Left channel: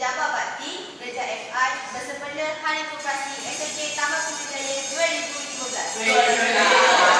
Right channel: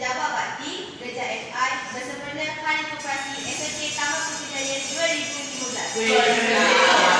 pejabat bakti kerja FI bersempena Hari Kooperasi SMK Taman Putri Jaya 2015. 2015. 2015. 2015.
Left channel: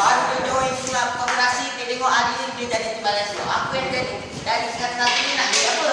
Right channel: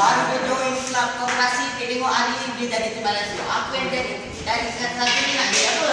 Baru dia tahu yang sulap dia tengok ahli dia jadi tumbalan siap. Apa yang dia dari sekat satu ni nak dia apa?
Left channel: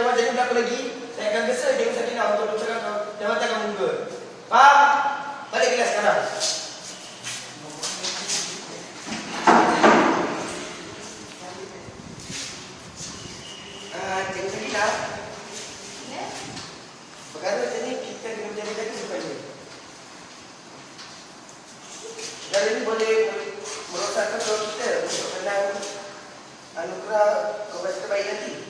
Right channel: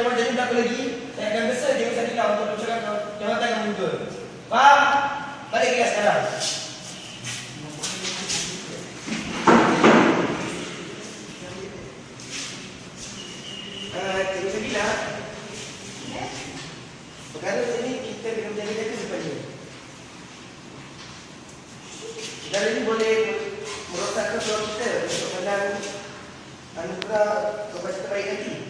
jawapan saya berapa lagi Saya akan gesa jawapan saya tinggal untuk mencerak kau. Jangan yang muka Faham? Balik kelas sekarang Anugerah kompetitor baik nanti.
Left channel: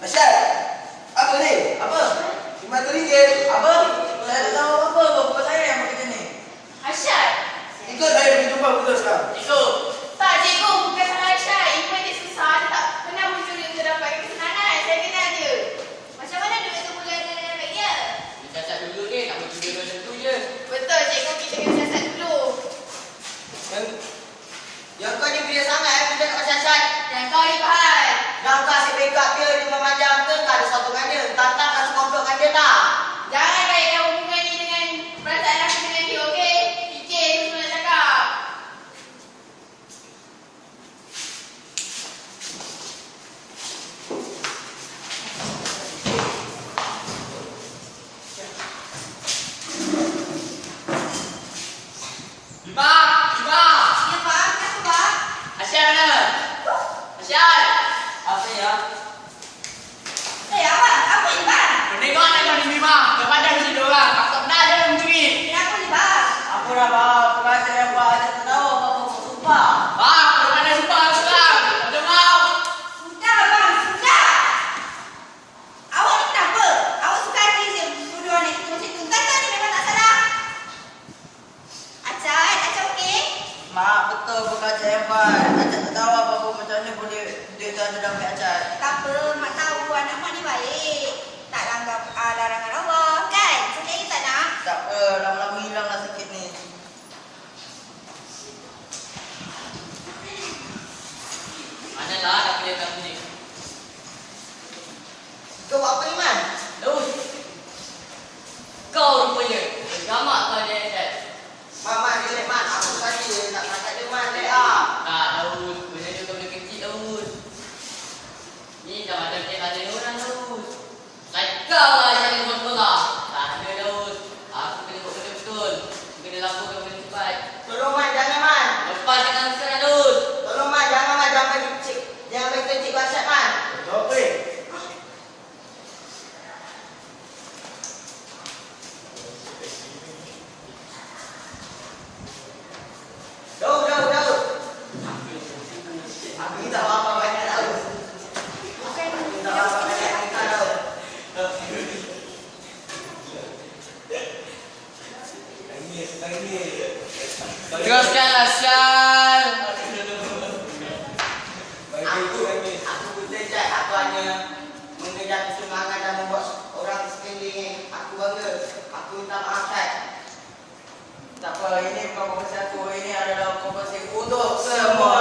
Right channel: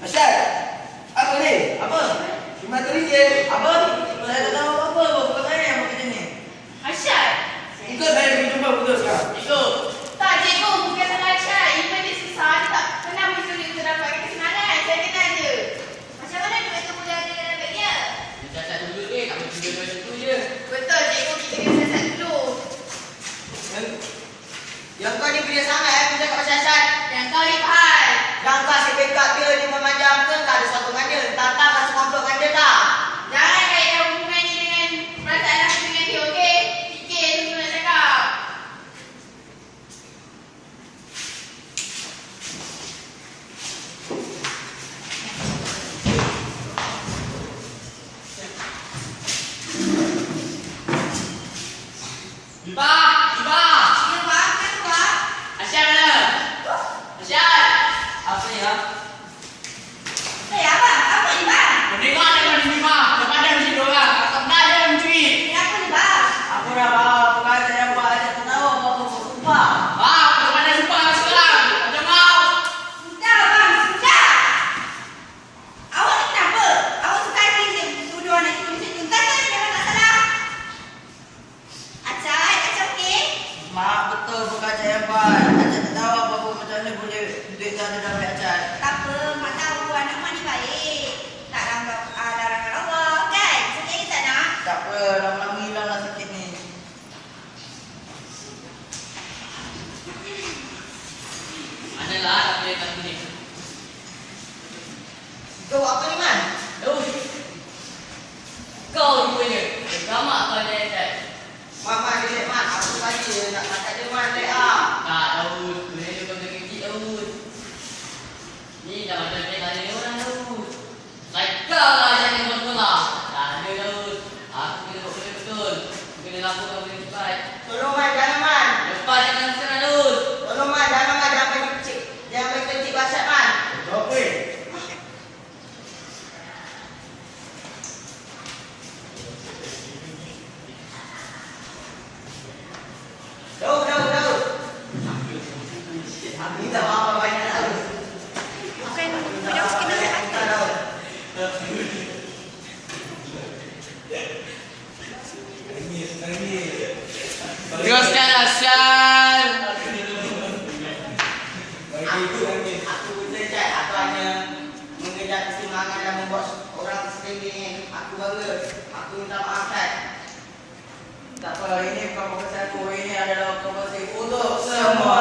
Asyad. Apa ni? Apa? Cuma teringgir. Apa? Tak ada nama apa-apa. Bukan saya yang buat macam ni. Asyad. Ikut saya pergi jumpa betul sekarang. Ikut. Teruskan lah, Asyar Aku Aku bercecai Aku hanya Mengejar kesenangan Dan membuat orang sekeliling Aku bangga Aku minta maafkan Tak apa Ini bukan kompensi aku Ini adalah kompensi Untuk semua